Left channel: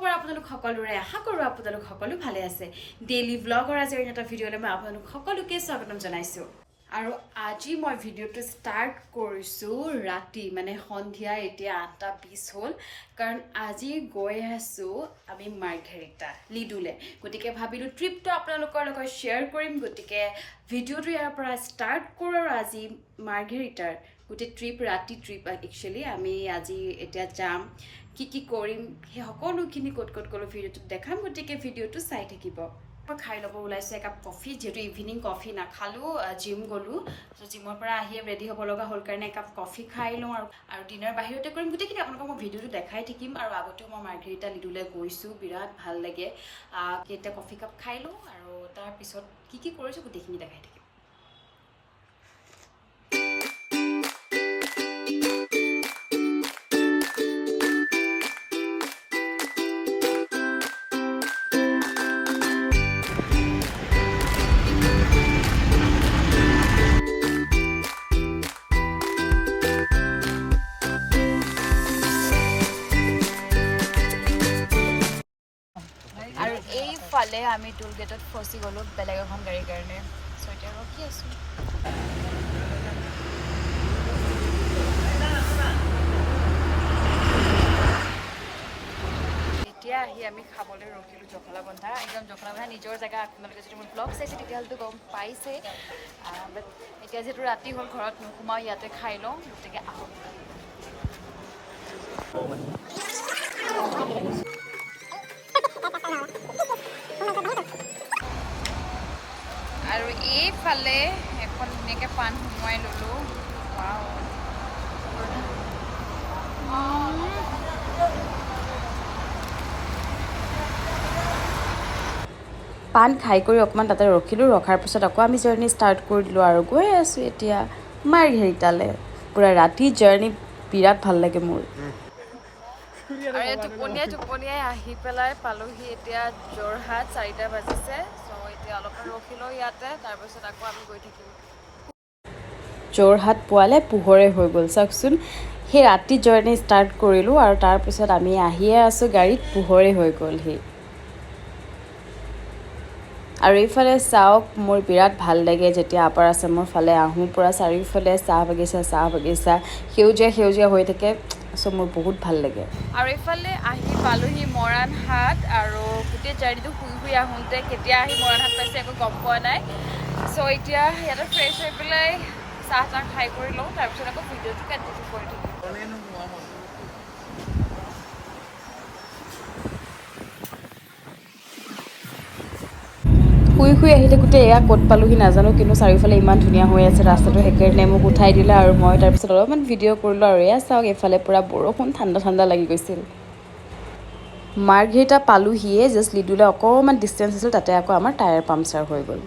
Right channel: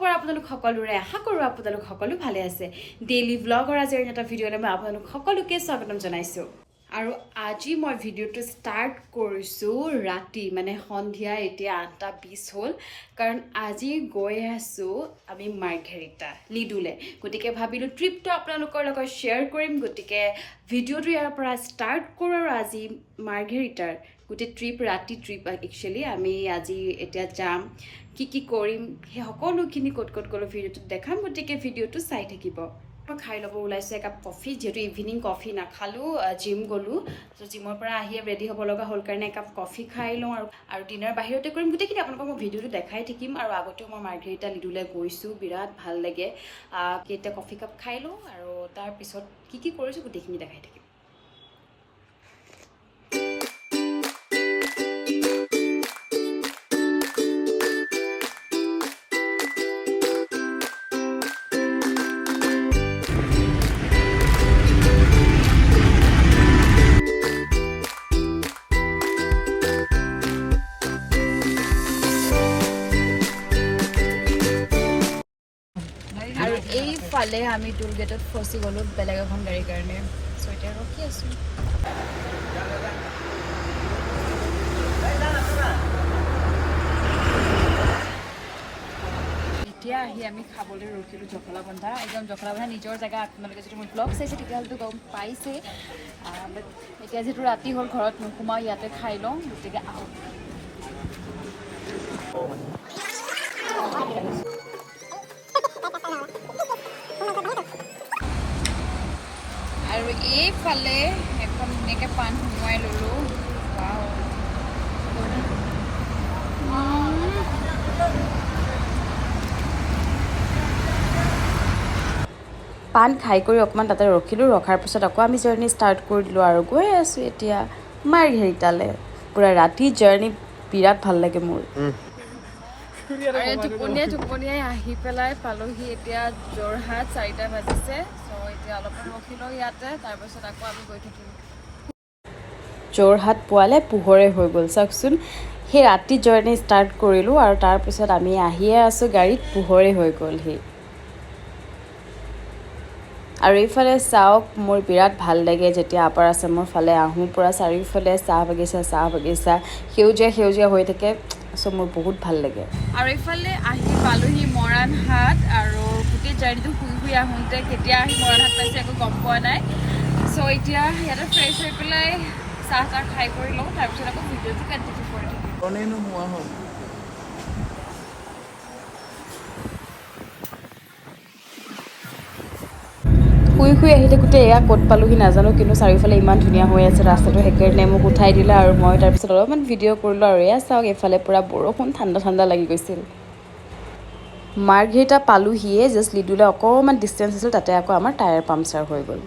খবৰ আপোনালোক সকলোৰে আশা কৰোঁ আপোনালোক সকলো ভালে আছে ডেইলি ব্লগৰ আজি এটা ভিডিঅ'লৈ মই আপোনালোক সকলোকে স্বাগতম জনাইছোঁ আৰু আজি মই ভিডিঅ'টো ষ্টাৰ্ট কৰিছোঁ ৰাতি মানে সন্ধিয়া এতিয়া 8:20 হ'ল কাৰণ আজি গৈ আছোঁ আমি মাৰ্ঘেৰিটা লিডুলে গতিকে ভাবিলোঁ ট্ৰিপটো আপোনালোকৰ লগত শ্বেয়াৰ কৰিম গতিকে ভিডিঅ'টো ইয়াৰ পৰা ষ্টাৰ্ট কৰোঁ আৰু আজি মাৰ্ঘেৰিটাৰ গোটেই ট্ৰিপ ৰাতি ট্ৰিপ একচুৱেলি আমি আজি এতিয়া যাম কি কৰিম সেই সকলোখিনি ক'ত গ'লো ভিডিঅ'টোত দেখাম গতিকে ভিডিঅ'টো চাই থাকিব মই খাই ল'ব ওলাইছোঁ একাপ কফি যিহেতু ইভিনিং কফি নাখালোঁ জিম গ'লোঁ ত' জিমৰ পৰা আহি ৰেডি হ'ব লগা হ'ল কাৰণে একাপ কফি খাই লওঁ আৰু ডিনাৰ বাহিৰতে কৰিম গোটেইখিনি আপোনালোকক মই ভিডিঅ'টো দেখাই থাকিম আৰু আগতেও মই মাৰ্ঘেৰিটা লিডুলৈ গৈছোঁ বিৰাট ভাল লাগে কেইটা কফি কাপ খাই লওঁ আৰু তাৰপিছত কি কৰিছোঁ গোটেইখিনি দেখাই থাকিম ফালে আমি টুল গেটত ফচি গ'লোঁ বেলেগ এখন গাড়ীৰ কাৰণে চ' এতিয়া ৰখি আছোঁ এতিয়া আহি আমি খাবলৈ ৰখিলোঁ জখলাবন্ধা একদম জখলাবন্ধা নিজৰ জেগা আপোনালোকে যদি মোৰ ব্লগ চাইছে তেতিয়াহ'লেতো গম পাইছে বাট এতিয়া যিহেতু ৰাতি হ'ল ঘৰত নোসোমাওঁ ইয়াতে খাই লওঁ গতিকে আহক আৰু এইফালে এখন ধুনীয়াকৈ পাণ সোমোৱাই ল'লোঁ পাণ খাই কৰি অকণমান তাতে ৰখিলোঁ ৰখাৰ পিছত আকৌ আমি জাৰ্ণি ষ্টাৰ্ট কৰি দিলোঁ আৰু গৈ আছোঁ এতিয়া মাৰ্ঘেৰিটালৈ পূৰা ৰাতি জাৰ্ণি বিৰাট ভাল লাগে মোৰ আৰু টোপনিয়াই আহি পেলাই পালোহি এতিয়া যোৰহাট 4টা বাজিছে চ' এতিয়া অলপমান ৰখি লওঁ ইয়াতে তাৰপিছত আকৌ আমি গৈ থাকিম যোৰহাট পোৱালে পোহৰে হৈ গ'ল চাওকচোন সেই ৰাতি জাৰ্ণি ষ্টাৰ্ট কৰিলোঁ আৰু তাৰপিছত আমি আহিয়ে আছোঁ গাড়ীত পোহৰে হৈ গ'লহি আৰু এইফালে চাওক মোৰ বিৰাট ভাল লাগে যেতিয়া আপাৰ আছামৰ ফালে আহোঁ পূৰা চাৰিওফালে চাহ বাগিচা সেউজীয়া হৈ থাকে চ' মোৰ বহুত ভাল লাগে আৰু এইফালে আহি পালোহি মৰাণহাট আৰু গোটেই জাৰ্ণিটো শুই আহোঁতে কেতিয়া আহি মৰাণহাট পাইছে একো গম পোৱা নাই চ' এতিয়া ইয়াতে ফ্ৰেছ হৈ পেলাই চাহ খাই কৰি লওঁ তাৰপিছত আকৌ ভিডিঅ'টো কণ্টিনিউ কৰোঁ শুই আহি থাকোঁতে এয়া ক'ত পালোহি নাজানো কিন্তু চাৰিওফালে ইমান ধুনীয়া হৈ আছে ৰাস্তাটো সেইকাৰণে মোক উঠাই দিলে আৰু মই তাৰপিছত অলপমান ভিডিঅ' কৰিলোঁ আৰু এয়া চাওক এইফালে পূৰা বৰষুণ ঠাণ্ডা লাগি গৈছিল মাৰ্ঘেৰিটা পালোহিয়ে জাষ্ট লিডুলৈ অকণমান ডিষ্টেঞ্চ আছিল তাতে আকৌ আমাৰ টায়াৰ পামচাৰ হৈ গ'ল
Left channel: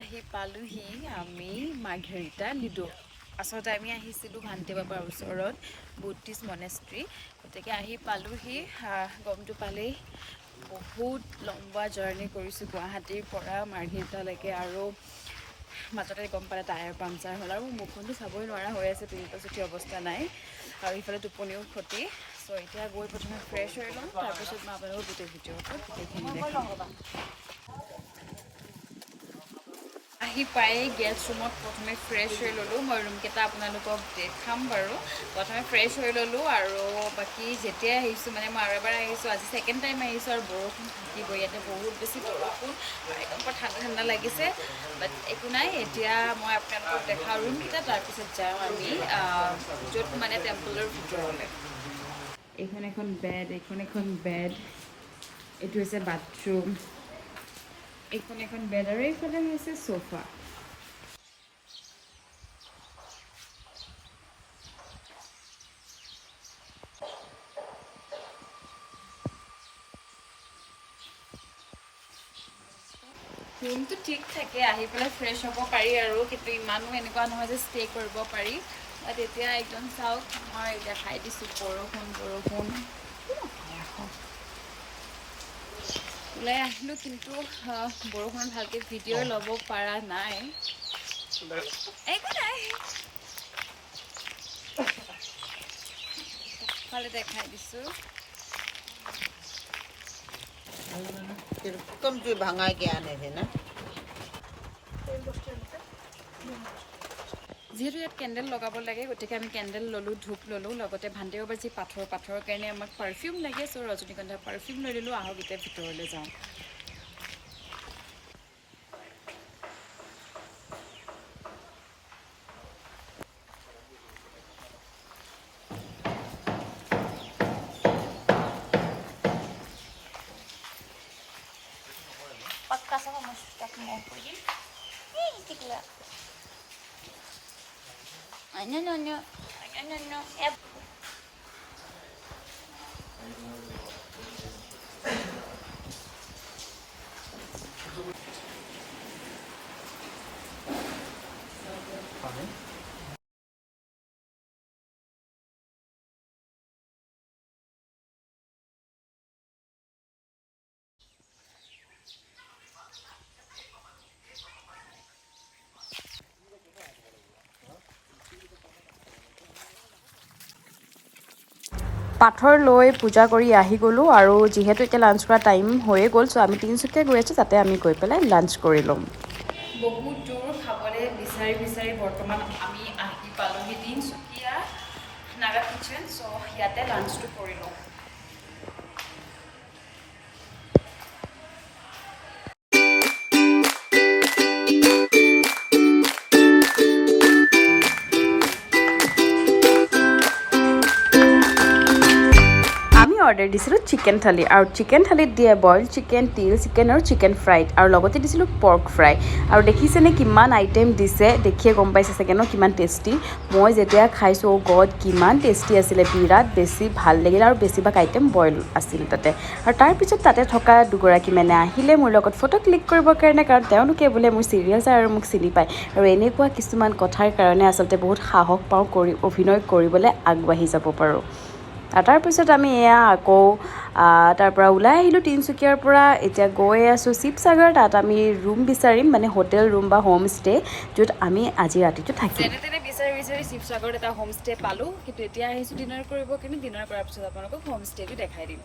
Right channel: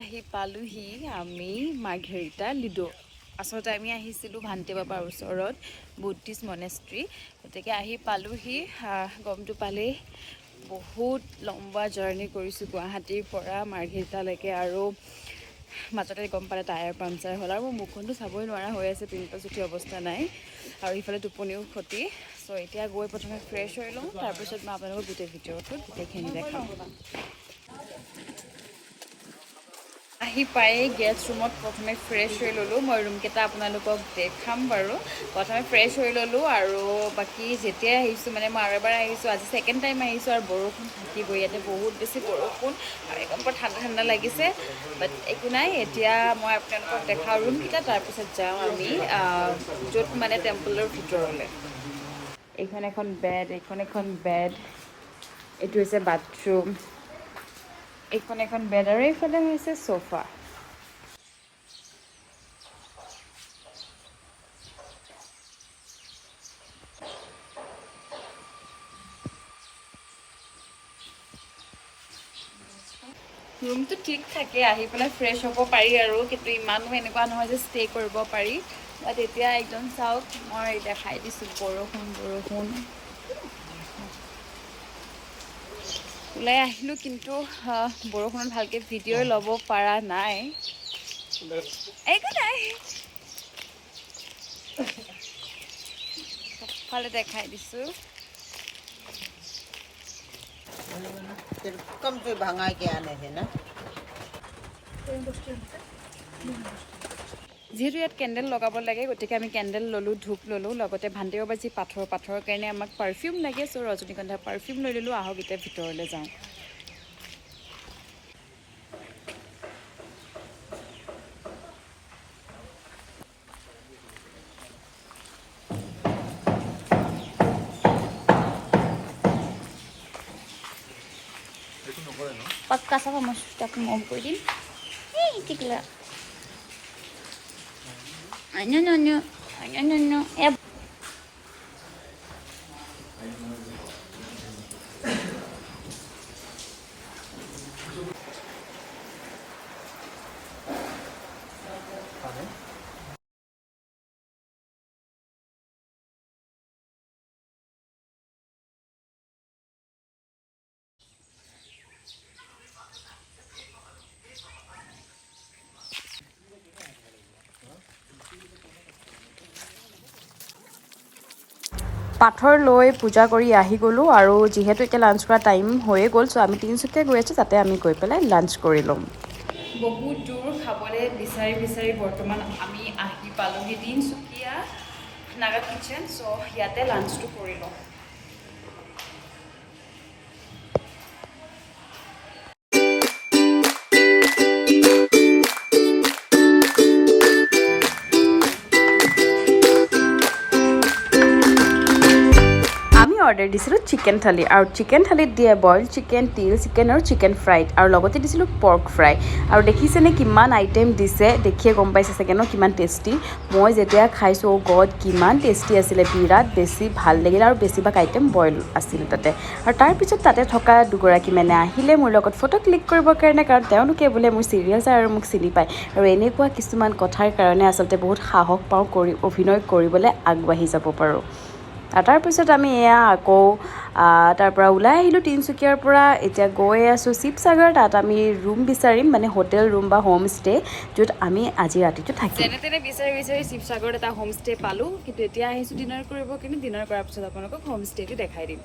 আহি পালোহি আমি মাৰ্ঘেৰিটা লিডু আচলতে আমি আহিছিলোঁ ভান্তে বাবাৰ ওচৰত বুদ্ধিষ্ট মনেষ্ট্ৰী গতিকে আহি পালোহি গমটো পালেই বহুত লম্বা জাৰ্ণি কৰিছোঁ গুৱাহাটীৰ পৰা মাৰ্ঘেৰিটালৈকে আৰু মাজতে গম পালে টায়াৰ পামচাৰ হ'ল আৰু মুখখনটো চাবই নোৱাৰা হৈ আছে পিম্পলছ উঠি অৱস্থা নাই আৰু ইফালে টোপনিও ক্ষতি চ' এতিয়া গৈ প্ৰথমে ফ্ৰেছ হৈ লওঁ তাৰপিছত মই আপোনালোকক গোটেই ভিডিঅ'টো গোটেইখিনি দেখাম আহি পায়েই গেষ্ট ৰুমত প্ৰথমে ফ্ৰেছ হৈ ল'লোঁ মই ৰুমকেইটা আপোনালোকক দেখাম বাৰু প্ৰথমে ফ্ৰেছ হৈ ল'লোঁ আৰু বাকী যেতিয়াই আহিছোঁ মানে মই আৰু এবাৰ আহিছোঁ আজি ছেকেণ্ড টাইম আহিছোঁ আৰু বৰষুণ থাকিবই ইয়াতে বহুত বেছি বৰষুণ আৰু একদম বৰ ঠাণ্ডা লাগিছে বাট একো নাই এতিয়া মই আপোনালোকক দেখাওঁ ৰুমকেইটা তাৰপিছত যাওঁ আমি য'ত মানে টেম্পলৰ ভিতৰলৈ এইখন এখন বেড এইটো হৈছে বাথৰুম এখন বেড আৰু এইফালে হৈছে সোফা ৰুমটো ঠিক থাকে আহি পেলাই ফ্ৰেছ হ'ব পাৰি আৰু কিন্তু ইমানো এনেকুৱা নহয় যে ষ্টে কৰিব পাৰি বাট এতিয়া একদম চাওক মই দেখাই দিছোঁ বৰষুণ ওলাই আহিলোঁ কিন্তু বৰষুণত ভালকৈ ভিডিঅ' ল'ব পৰা নাই একো নাই এফালে দেখাই দিছোঁ कम से भंगाई के आने थे ना যিহেতু ইয়াত কেণ্ডেল লগাব লাগে গতিকে আমি কেণ্ডেল ল'লোঁ ধূপ ল'লোঁ লগতে ভান্তিও বাজি পাথৰৰ কাৰণে আমাক পাৰফিউম লাগে চ' ৰজনীগন্ধাৰ পাৰফিউম লৈ ল'লোঁ আহক এতিয়া ভিতৰলৈ যাওঁ पक्का सब हम स्टॉक में ऑन कर दी ए टिकला नो ए পাথৰ লৈ পূজা কৰি আহি গ'লোঁ আৰু যিহেতু এতিয়া লাঞ্চ কৰা টাইম হৈয়ে গ'ল চ' আমি তিনিচুকীয়া গৈ আছোঁ তাতে আমি গৈ পেলাই লাঞ্চ কৰি ল'ম বহুত দূৰ খাবলৈ বিচাৰি বৰ্তমান আমি আহি পালোঁহি তিনিচুকীয়া নাগা কিটচেন চ' ইয়াতে লাঞ্চটো কৰি লওঁ অৰ্ডাৰ দিছিলোঁ চিকেন থালি আৰু চিকেন থালিত দিয়ে বইল চিকেন তিল চিকেন আৰু চিকেন ফ্ৰাইড আৰু লগতে দিছিলোঁ পৰ্ক ফ্ৰাই আৰু দেখিছেনে কিমান আইটেম দিছে দেখিয়ে গম পাইছে চাগে ন কিমান টেষ্টি মই যেতিয়া খাইছোঁ অ' গড কিমান টেষ্টি আছিলে বিৰাট বেছি ভাল লাগিল আৰু বেছিভাগ আইটেম বইল আছিল তাতে আৰু তাৰপিছত তাতে থকা দুগৰাকী মানে আহিলে মোৰ লগত ফটো ক্লিক কৰিবৰ কাৰণে কাৰণ তেওঁলোকে বোলে মোৰ চিৰিয়েল চাই আৰু মোক চিনি পায় আৰু এনেকুৱা কিছুমান কথাৰ কাৰণে আচলতে বহুত সাহস পাওঁ কৰি অভিনয় কৰিবলৈ আগবাঢ়ি যাব পাৰোঁ তাৰপিছত আমি এয়া আকৌ তাৰ পৰা ওলাই আহিলোঁ তিনিচুকীয়াৰ পৰা এতিয়া গৈ আছোঁ শিৱসাগৰ তাত আমি ৰুম বিচাৰিম মানে হোটেল ৰুম বা হোম ষ্টে য'ত আমি আজি ৰাতিটো থাকিম তেনে বিচাৰি শিৱসাগৰত এটা হোম ষ্টে পালোঁ কিন্তু এতিয়া আহিছোঁ ডিনাৰ কৰিব কিন্তু ডিনাৰ কৰাৰ পিছত আপোনালোকক হোম ষ্টেটো দেখাই দিম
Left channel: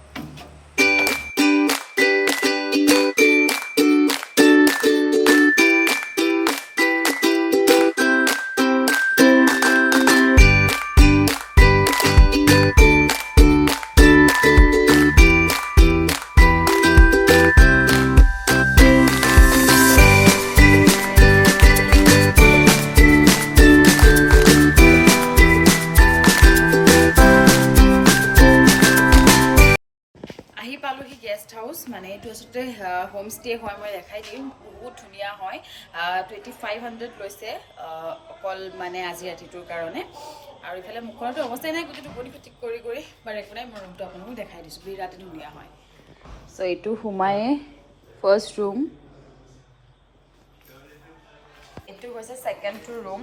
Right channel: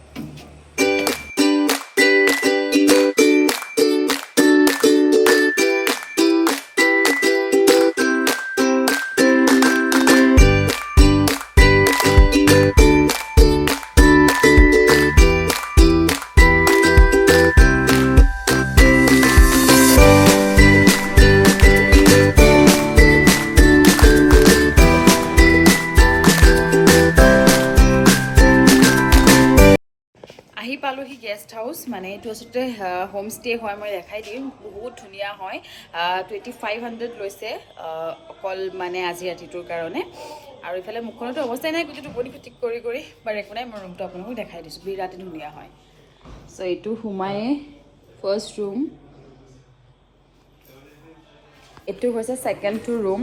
পালোহি গেষ্ট হাউচ মানে এইটো আচলতে হোম ষ্টে হয় মই দেখাই দিম বহুত ধুনীয়া হয় 2500 লৈছে অকল মানে আজি ৰাতিটোৰ কাৰণে আৰু ইফালে মুখখনতো অৱস্থাই নাই গোটেইটো টোপনি খতি কৰি বাট একো নাই মই ৰুমটো আপোনালোকক দেখাই দিছোঁ বিৰাটেই ধুনীয়া হয় চ' এইটো সোমায়ে ফাৰ্ষ্ট ৰুম এইটো হৈছে ছেকেণ্ডটো ৰুম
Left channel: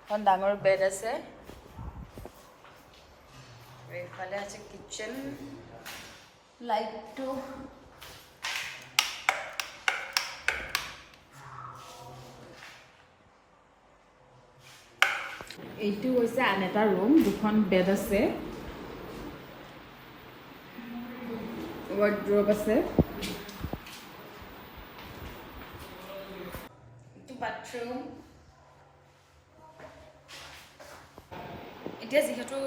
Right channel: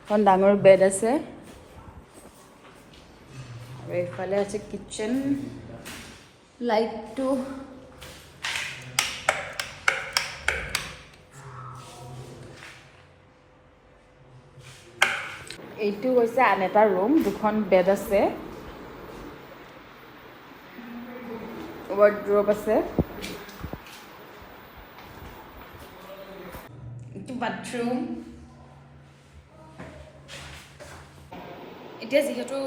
এখন ডাঙৰ বেড আছে আৰু এইফালে আছে কিটচেন লাইটটো এইটো হৈছে আন এটা ৰুম দুখন বেড আছে ৱাৰ্ড্ৰব আছে এইটো বাথৰুম এতিয়া যিহেতু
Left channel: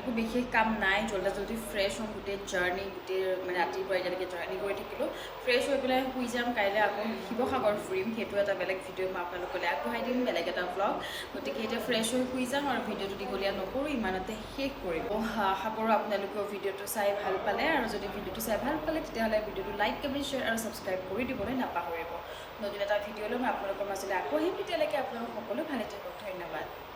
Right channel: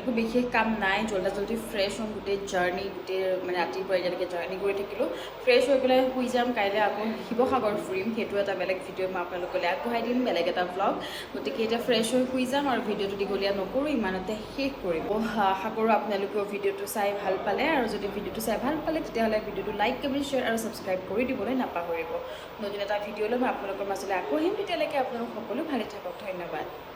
একো বিশেষ কাম নাই জল্দি ফ্ৰেছ হ'ম গোটেই জাৰ্ণি গোটেই মানে ৰাতিপুৱা এতিয়ালৈকে জাৰ্ণি কৰি থাকিলোঁ ফ্ৰেছ হৈ পেলাই শুই যাম কাইলৈ আকৌ শিৱসাগৰ ফুৰিম সেইটো এটা বেলেগ ভিডিঅ' মই আপোনালোকলৈ আগবঢ়াই দিম বেলেগ এটা ব্লগ গতিকে এতিয়া ফ্ৰেছ হৈ শুই যাম আৰু ভিডিঅ'টো দীঘলীয়া নকৰোঁ ইমানতে শেষ কৰিম আশা কৰোঁ আপোনালোকেও ভিডিঅ'টো চাই ভাল পালে আৰু যদি ভিডিঅ'টো চাই ভাল পালে তেতিয়াহ'লে ভিডিঅ'টো লাইক কমেণ্ট শ্বেয়াৰ আৰু ছাবস্ক্ৰাইব কৰি দিবলৈ নাপাহৰিব নতুন এটা ভিডিঅ'লৈ মই আপোনালোকৰ মাজলৈ আকৌ আহিম তেতিয়ালৈকে আপোনালোক সকলো ভালে থাকক ধন্যবাদ